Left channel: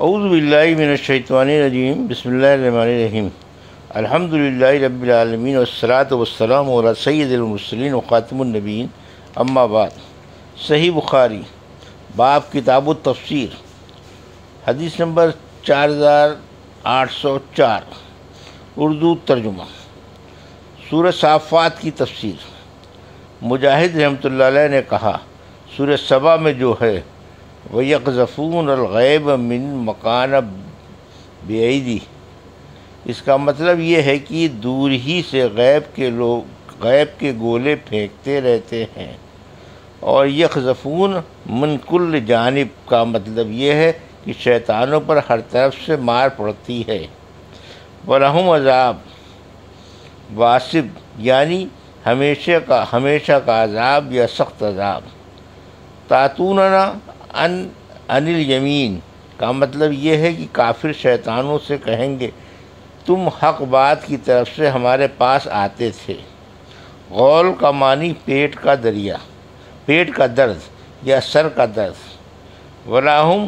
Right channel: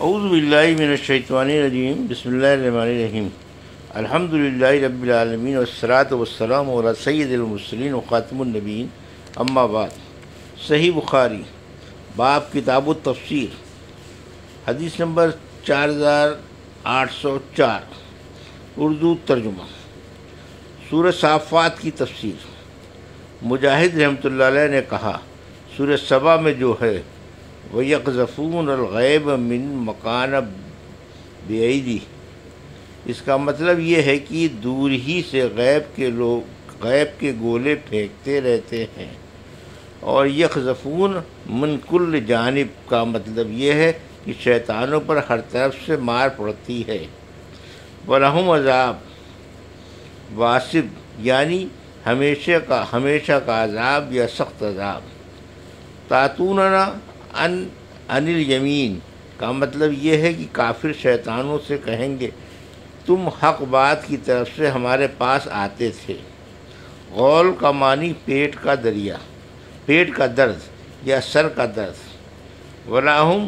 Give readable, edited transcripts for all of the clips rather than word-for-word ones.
اعوذ باللہ من الشیطان الرجیم، بسم اللہ الرحمن الرحیم، الحمد للہ رب العالمین والصلاۃ والسلام علی سید المرسلین وخاتم النبیین، اما بعد۔ صحیح بخاری باب کتاب التفسیر، حدیث نمبر 4804، اردو ترجمہ۔ سورہ صافات کی تفسیر۔ مجاہد رحمۃ اللہ علیہ نے کہا، سورہ سبا میں جو ہے وَيَقْذَفُونَ الْغَيْبَ مِن مَّكَانَ بِأَيْدِي، اس کا مطلب یہ ہے کہ دور ہی سے غیب کے گولے پھینکتے رہتے ہیں، اور یقذفون من کل جانب کا مطلب یہ ہے کہ شیطانوں پر ہر طرف سے مار پڑتی ہے۔ وَلَهُمْ عذاب واسب، یعنی ہمیشہ کا عذاب یا سخت عذاب۔ تاتوننا عن الیمین کا مطلب یہ ہے کہ کافر شیطانوں سے کہیں گے تم حق بات کی طرف سے ہمارے پاس آتے تھے۔ غول کا معنی پیٹ کا درد یا سر کا درد۔ ولاہم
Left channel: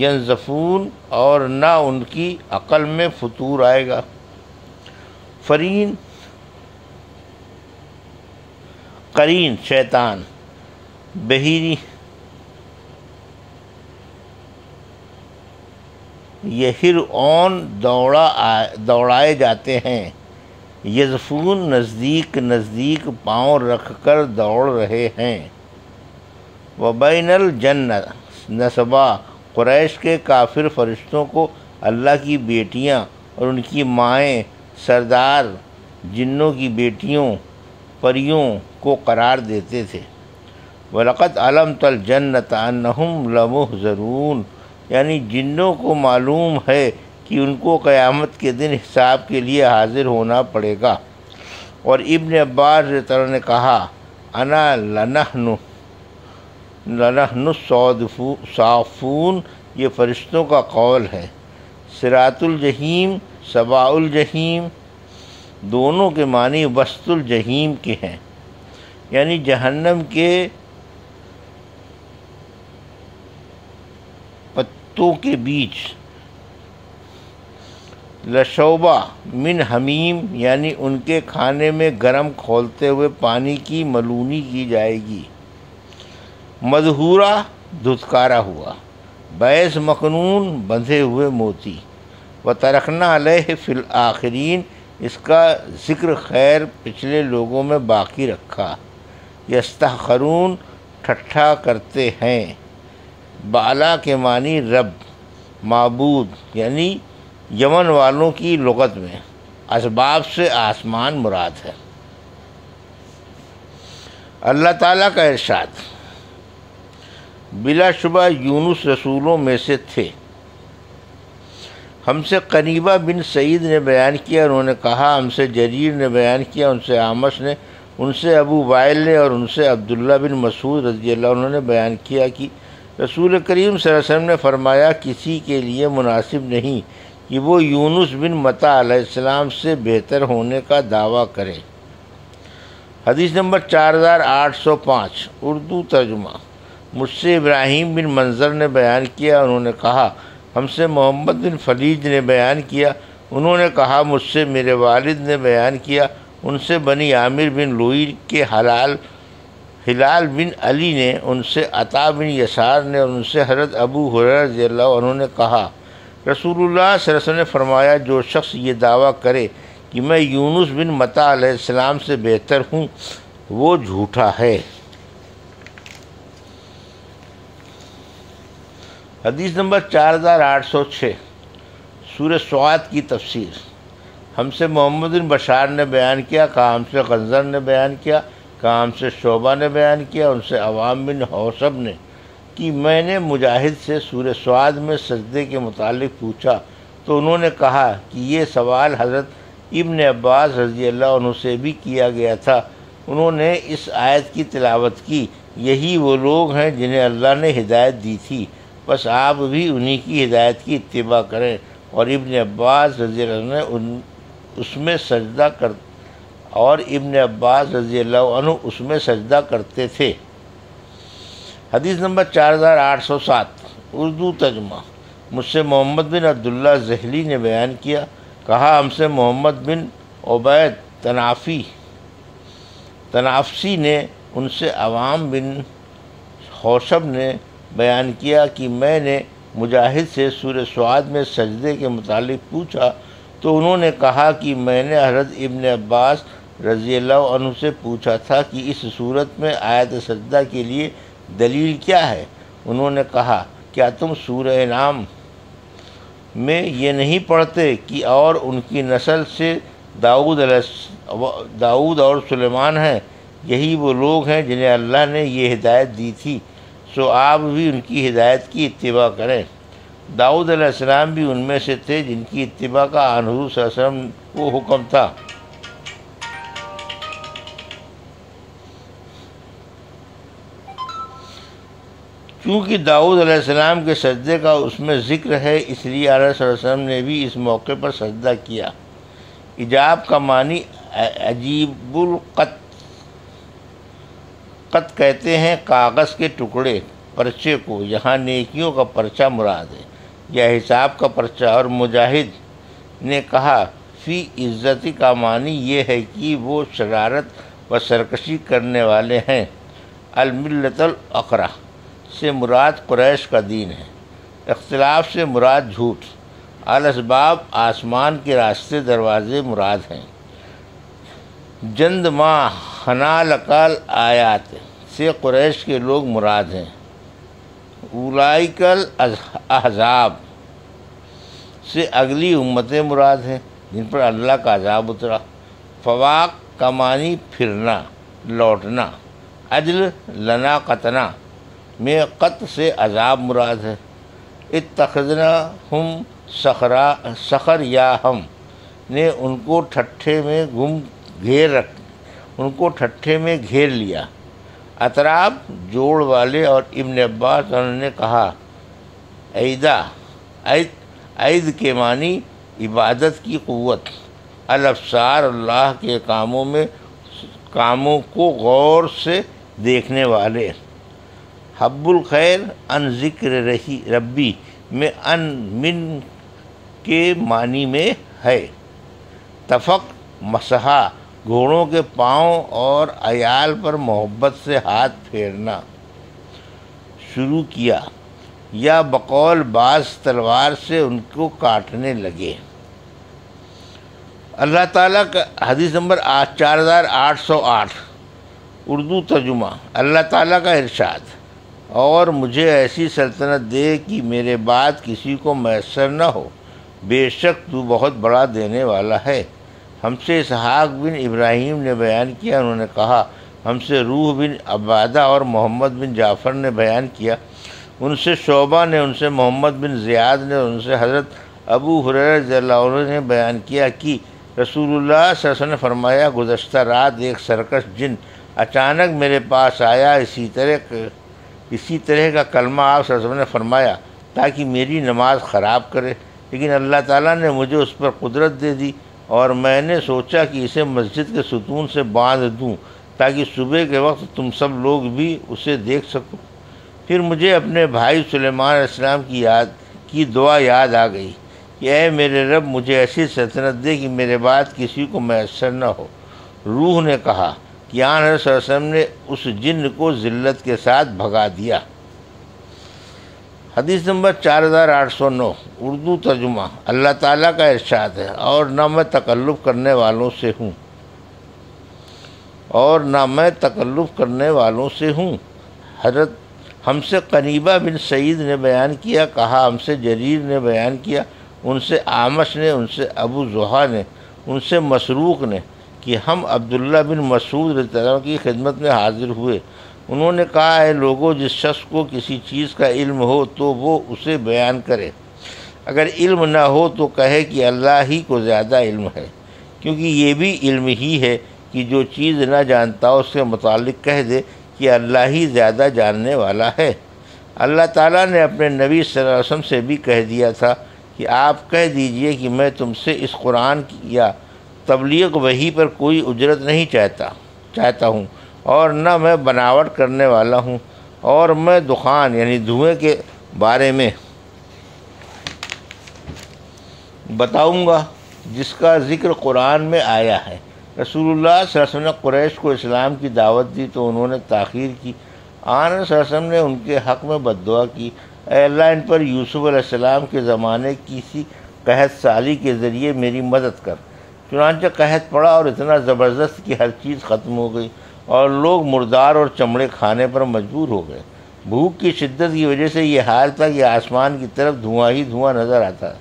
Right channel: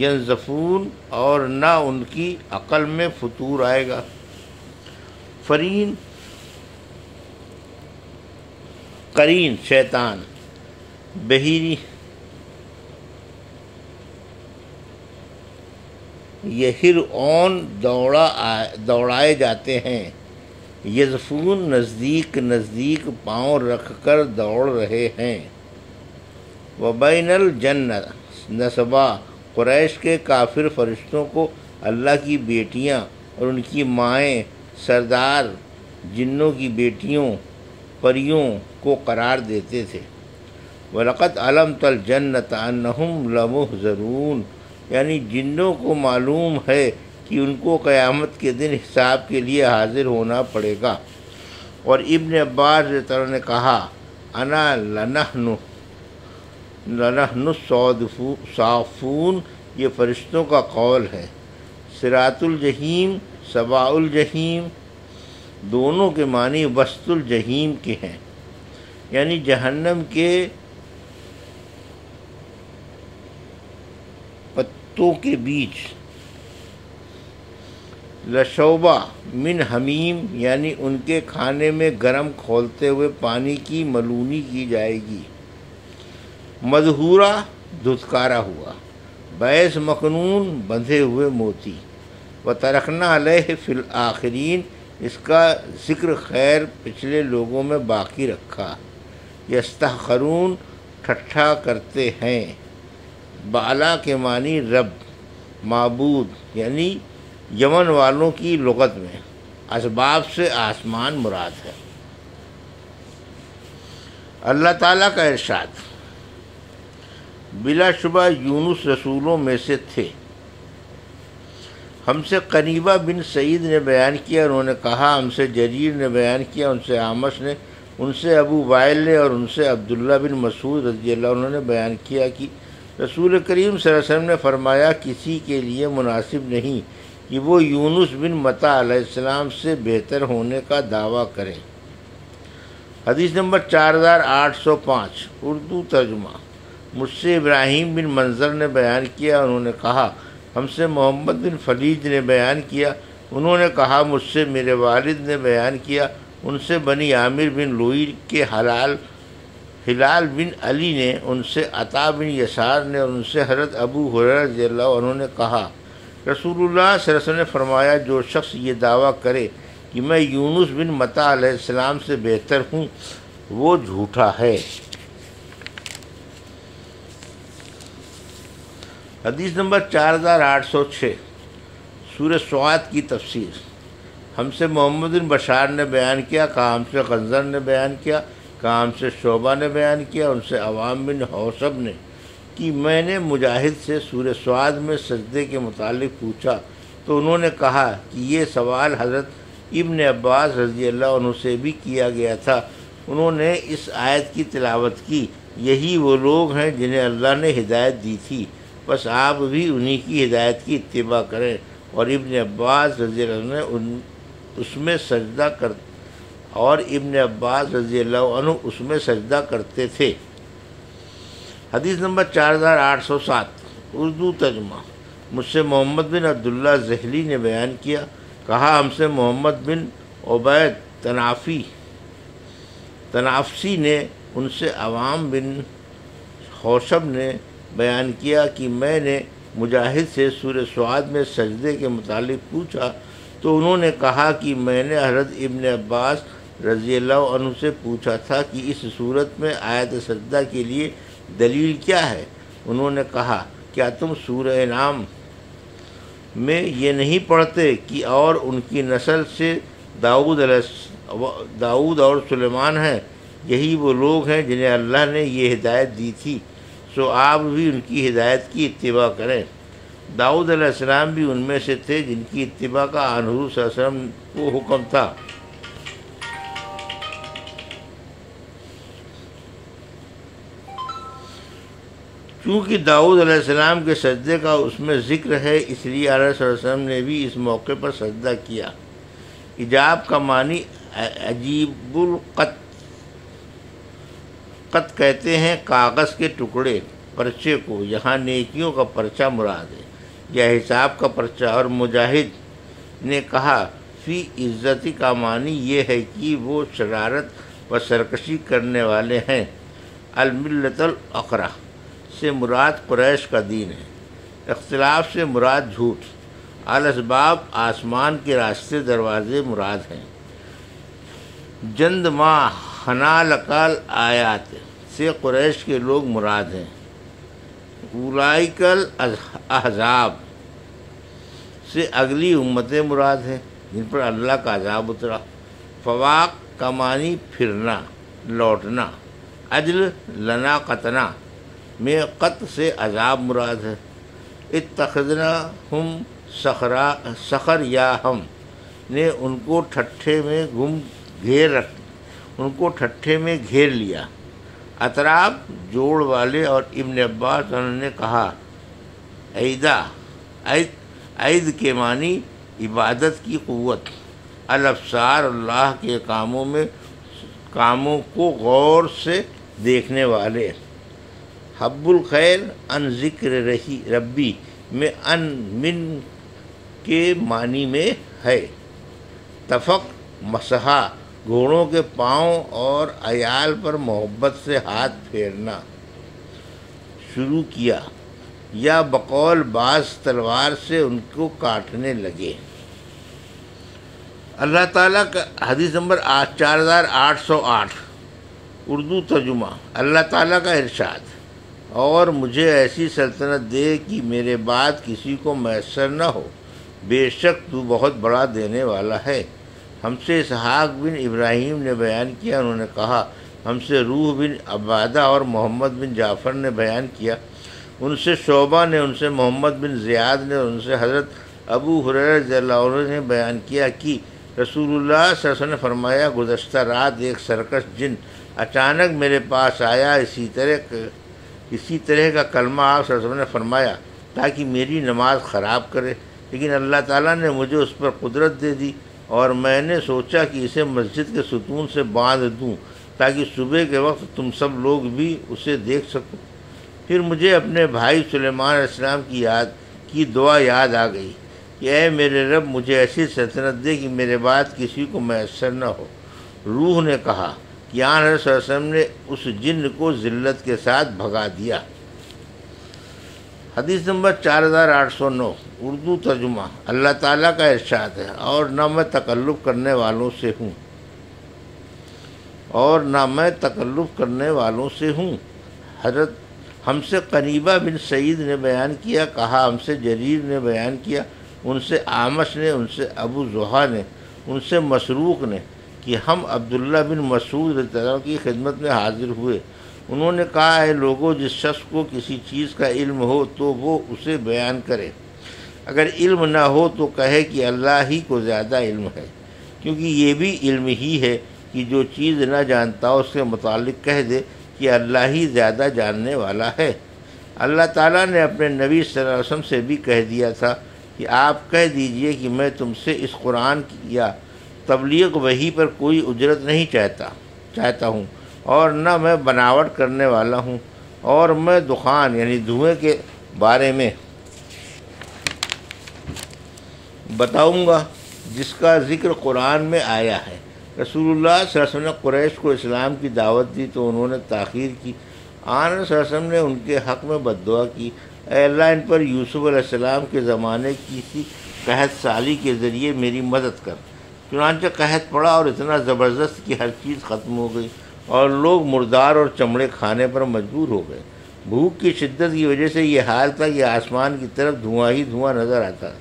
ینزفون، اور نہ ان کی عقل میں فطور آئے گا۔ قرین شیطان، بحیری یہرعون دوڑائے جاتے ہیں۔ یزفون نزدیک پاؤں رکھ کر دوڑ رہے ہیں۔ وبین الجن نسبا، قریش کے کافر فرشتوں کو اللہ کی بیٹیاں اور ان کی مائیں سردار جنوں کی بیٹیوں پریوں کو قرار دیتے تھے۔ وَلَقَدْ عَلَمْتَ الْجَنَّةَ أَنَّهُمْ لَمُحْضَرُونَ، یعنی جنوں کو معلوم ہے کہ ان کو قیامت کے دن حساب کے لیے حاضر ہونا پڑے گا۔ اور ابن عباس رضی اللہ عنہ نے کہا، انا لنحن الصافون، یہ فرشتوں کا قول ہے۔ صراط الجحیم، سواء الجحیم، دونوں کے معنی وسط الجحیم کے ہیں، یعنی جہنم کے پتوں کے بیچ۔ لشوبہ من حمیم، یعنی ان کے کھانے میں گرم کھولتے ہوئے پانی کی ملونی کی جائے گی۔ مدھورہ دھتکارا ہوا۔ بیس مکنون، بندھے ہوئے موتی۔ وترکنا علیہ فی الآخرین، اس کا ذکر خیر پچھلے لوگوں میں باقی رکھا۔ یستخرون، ٹھٹھا کرتے ہیں۔ بالا کے معنی رب، معبود، یعنی یمن والوں کی لغت میں اسباب سے آسمان مراد ہے۔ اللہ تعالیٰ کا ارشاد، بلا شبہ یونس رسولوں میں سے تھے۔ ہم سے قنیبہ بن سعید نے بیان کیا، انہوں نے کہا ہم سے جریر نے بیان کیا، ان سے عامش نے، ان سے ابو وائل نے، اور ان سے عبداللہ بن مسعود رضی اللہ عنہ نے بیان کیا کہ رسول کریم صلی اللہ علیہ وسلم نے فرمایا، کسی کے لیے مناسب نہیں کہ وہ یونس بن متی علیہ السلام سے بہتر ہونے کا دعویٰ کرے۔ حدیث نمبر 4805، اردو ترجمہ۔ مجھ سے ابراہیم بن منظر نے بیان کیا، انہوں نے کہا ہم سے محمد بن فلیج نے بیان کیا، انہوں نے کہا مجھ سے میرے والد نے بیان کیا، ان سے بنی عامر بن لوئی کے ہلال بن علی نے، ان سے عطا بن یسار نے، اور ان سے حضرت ابو ہریرہ رضی اللہ عنہ نے کہا رسول اللہ صلی اللہ علیہ وسلم نے فرمایا، جو شخص یہ دعویٰ کرے کہ میں یونس بن متی علیہ السلام سے بہتر ہوں، وہ جھوٹا ہے۔ حدیث نمبر 4806، سورہ سعاد کی تفسیر۔ ہم سے محمد بن بشار نے بیان کیا، کہا ہم سے غنزر نے بیان کیا، کہا ہم سے شعبہ نے بیان کیا، ان سے عوام بن حوصب نے کہ میں نے مجاہد سے سورہ سعاد میں سجدے کے متعلق پوچھا تو انہوں نے کہا کہ یہ سوال حضرت ابن عباس رضی اللہ عنہ سے بھی کیا گیا تھا۔ انہوں نے اس آیت کی تلاوت کی، یہی وہ لوگ ہیں جنہیں اللہ نے ہدایت دی تھی، بس آپ بھی انہی کی ہدایت کی اتباع کریں۔ اور ابن عباس رضی اللہ عنہ اس میں سجدہ کرتے تھے۔ حدیث نمبر 4807، اردو ترجمہ۔ مجھ سے محمد بن عبداللہ ذہلی نے بیان کیا، کہا ہم سے محمد بن عبید تنافسی نے، ان سے عوام بن خوشب نے بیان کیا کہ میں نے مجاہد سے سورہ سعد میں سجدے کے متعلق پوچھا تو انہوں نے کہا کہ میں نے حضرت ابن عباس رضی اللہ عنہ سے پوچھا تھا کہ اس صورت میں آیت سجدہ کے لیے دلیل کیا ہے؟ انہوں نے کہا کیا تم سورہ انعام میں یہ نہیں پڑھتے کہ اور ان کی نسل سے داؤد اور سلیمان ہیں، یہی وہ لوگ ہیں جنہیں اللہ نے یہ ہدایت دی تھی، سو آپ بھی ان کی ہدایت کی اتباع کریں۔ داؤد علیہ السلام بھی ان میں سے تھے جن کی اتباع کا حضور صلی اللہ علیہ وسلم کو حکم تھا۔ چونکہ داؤد علیہ السلام کے سجدے کا اس میں ذکر ہے، اس لیے آقا صلی اللہ علیہ وسلم نے بھی اس موقع پر سجدہ کیا۔ ایجاب کا معنی عجیب قط کہتے ہیں کاغذ کے ٹکڑے پرچے کو، یہاں نیکیوں کا پرچہ مراد ہے یا حساب کا پرچہ۔ اور مجاہد نے کہا فی عزتی کا معنی یہ ہے کہ وہ شرارت و سرکشی کرنے والے ہیں۔ الملت الاخرہ سے مراد قریش کا دین ہے، اختلاف سے مراد جھوٹ، الاسباب آسمان کے راستے دروازے مراد ہیں۔ جند ما حنالکال آیات سے قریش کے لوگ مراد ہیں۔ اولائکل احزاب سے اگلی امتیں مراد ہیں جن پر اللہ کا عذاب اترا۔ فواق کا معنی پھرنا، لوٹنا۔ عجل لنا قطنا میں قط سے عذاب مراد ہے۔ اتخذنا ہم سخر یا ہم نے ان کو ٹھٹھے میں گھیر لیا۔ اطراب جوڑ والے۔ اور ابن عباس انہوں نے کہا عید کے معنی عبادت کی قوت، الابصار اللہ کے کاموں کو غور سے دیکھنے والے۔ حب الخیر ان ذکر ربی میں ان من کے معنی میں ہے۔ تفق مسحا گھوڑوں کے پاؤں اور عیال پر محبت سے ہاتھ پھیرنا شروع کیا، یا بقول بعض تلوار سے ان کو کاٹنے لگے۔ اللہ تعالیٰ کا حدیث نمبر 4808 اردو ترجمہ۔ اللہ تعالیٰ کا ارشاد، اور مجھے ایسی سلطنت دے کہ میرے بعد کسی کو میسر نہ ہو، بے شک تو بہت بڑا دینے والا ہے۔ ہم سے اسحاق بن ابراہیم نے بیان کیا، انہوں نے کہا ہم سے روح بن عبادہ اور محمد بن جعفر نے بیان کیا، ان سے شعبہ نے، ان سے محمد بن زیاد نے، ان سے حضرت ابو ہریرہ رضی اللہ عنہ نے بیان کیا کہ رسول اللہ صلی اللہ علیہ وسلم نے فرمایا گزشتہ رات ایک سرکش جن اچانک میرے پاس آیا، اسی طرح کا کلمہ آپ صلی اللہ علیہ وسلم نے فرمایا تاکہ میری نماز خراب کرے، لیکن اللہ تعالیٰ نے مجھے اس پر قدرت دے دی اور میں نے سوچا کہ اسے مسجد کے ستون سے باندھ دوں تاکہ صبح کے وقت تم سب لوگ بھی اسے دیکھ سکو۔ پھر مجھے اپنے بھائی سلیمان علیہ السلام کی دعا یاد آ گئی کہ اے میرے رب مجھے ایسی سلطنت دے کہ میرے بعد کسی کو میسر نہ ہو۔ روح نے کہا کہ آن حضرت صلی اللہ علیہ وسلم نے اس جن کو ذلت کے ساتھ بھگا دیا۔ حدیث نمبر 4809 اردو ترجمہ۔ اللہ تعالیٰ کا ارشاد ہے، اور نہ میں تکلف کرنے والوں سے ہوں۔ حضرت ہم سے قنیبہ بن سعید نے بیان کیا، کہا ہم سے جریر نے بیان کیا، ان سے آمش نے، ان سے ابو زحا نے، ان سے مسروق نے کہ ہم عبداللہ بن مسعود رضی اللہ عنہ کی خدمت میں حاضر ہوئے۔ انہوں نے کہا اے لوگوں، جس شخص کو کسی چیز کا علم ہو تو وہ اسے بیان کرے، اگر علم نہ ہو تو کہے کہ اللہ ہی کو زیادہ علم ہے، کیونکہ یہ بھی علم ہی ہے کہ جو چیز نہ جانتا اس کے متعلق کہہ دے کہ اللہ ہی زیادہ جاننے والا ہے۔ اللہ تعالیٰ نے اپنے نبی صلی اللہ علیہ وسلم سے بھی کہہ دیا تھا کہ آپ کہہ دیجئے کہ میں تم سے اس قرآن یا تبلیغ وحی پر کوئی اجرت نہیں چاہتا ہوں، اور نہ میں بناوٹ کرنے والا ہوں، اور میں دخان یعنی دھوئیں کے بارے میں بتاؤں گا جس کا ذکر قرآن میں آیا ہے۔ رسول اللہ صلی اللہ علیہ وسلم نے قریش کو اسلام کی دعوت دی تو انہوں نے تاخیر کی۔ آن صلی اللہ علیہ وسلم نے ان کے حق میں بد دعا کی، اے اللہ ان پر یوسف علیہ السلام کے زمانے کی سی قحط سالی کے ذریعے میری مدد کر۔ چنانچہ قحط پڑا اور اتنا زبردست کہ ہر چیز ختم ہو گئی اور لوگ مردار اور چمڑے کھانے پر مجبور ہو گئے۔ بھوک کی شدت کی وجہ سے یہ حال تھا کہ آسمان کی طرف دھواں ہی دھواں نظر آتا ہے۔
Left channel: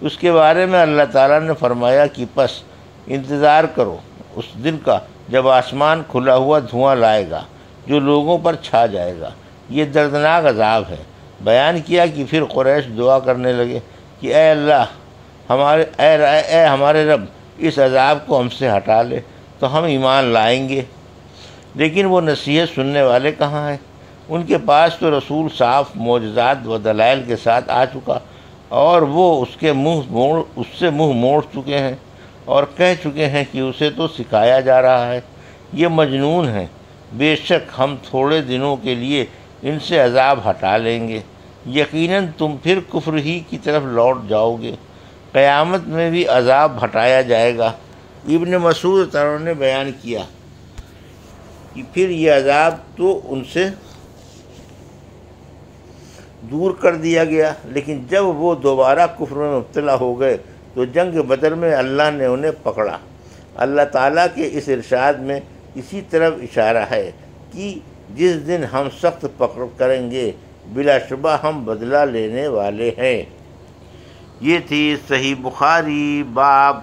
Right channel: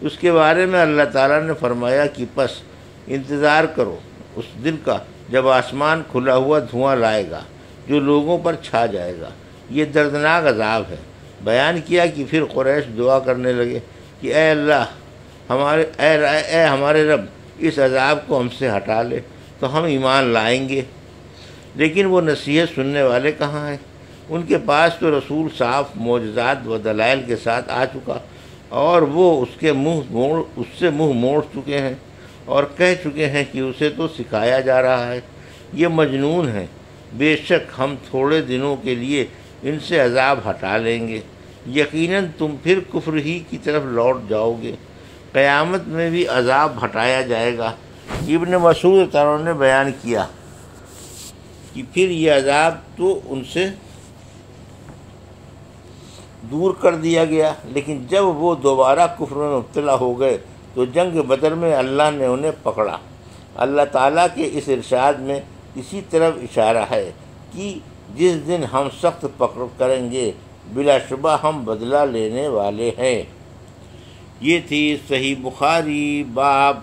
اس کے بارے میں اللہ تعالیٰ نے فرمایا کہ پس انتظار کرو اس دن کا جب آسمان کھلا ہوا دھواں لائے گا جو لوگوں پر چھا جائے گا، یہ دردناک عذاب ہے۔ بیان کیا کہ پھر قریش دعا کرنے لگے کہ اے اللہ ہمارے رب اس عذاب کو ہم سے ہٹا لے تو ہم ایمان لائیں گے۔ لیکن وہ نصیحت سننے والے کہاں ہیں؟ ان کے پاس تو رسول صاف معجزات و دلائل کے ساتھ آ چکا اور وہ اس سے منہ موڑ چکے ہیں اور کہہ چکے ہیں کہ اسے تو سکھایا جا رہا ہے، یہ مجنون ہے۔ بے شک ہم تھوڑے دنوں کے لیے ان سے عذاب ہٹا لیں گے، یقیناً تم پھر کفر ہی کی طرف لوٹ جاؤ گے۔ قیامت میں بھی عذاب ہٹایا جائے گا۔ ابن مسعود تعالیٰ نے بیان کیا کہ پھر یہ عذاب تو ان سے دور کر دیا گیا، لیکن جب وہ دوبارہ کفر میں مبتلا ہو گئے تو جنگ بدر میں اللہ نے انہیں پکڑا۔ اللہ تعالیٰ کے اس ارشاد میں اسی طرف اشارہ ہے کہ جس دن ہم سخت پکڑ کریں گے بلا شبہ ہم بدلہ لینے والے ہیں۔ یہ تھی صحیح بخاری باب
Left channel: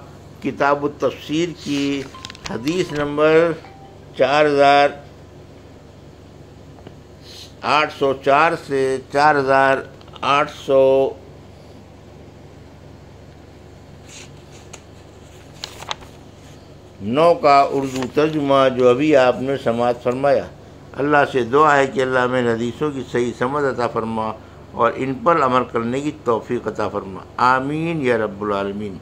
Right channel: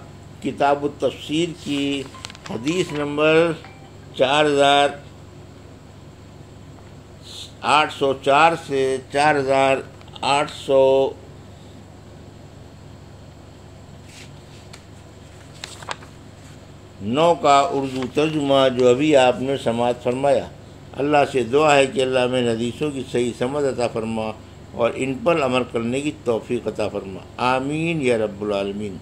کتاب التفسیر کی حدیث نمبر 4804 سے 4809 کا اردو ترجمہ جو ابھی آپ نے سماعت فرمایا۔ اللہ سے دعا ہے کہ اللہ میں حدیثوں کی صحیح سمجھ عطا فرما اور ان پر عمل کرنے کی توفیق عطا فرما، آمین یا رب العالمین۔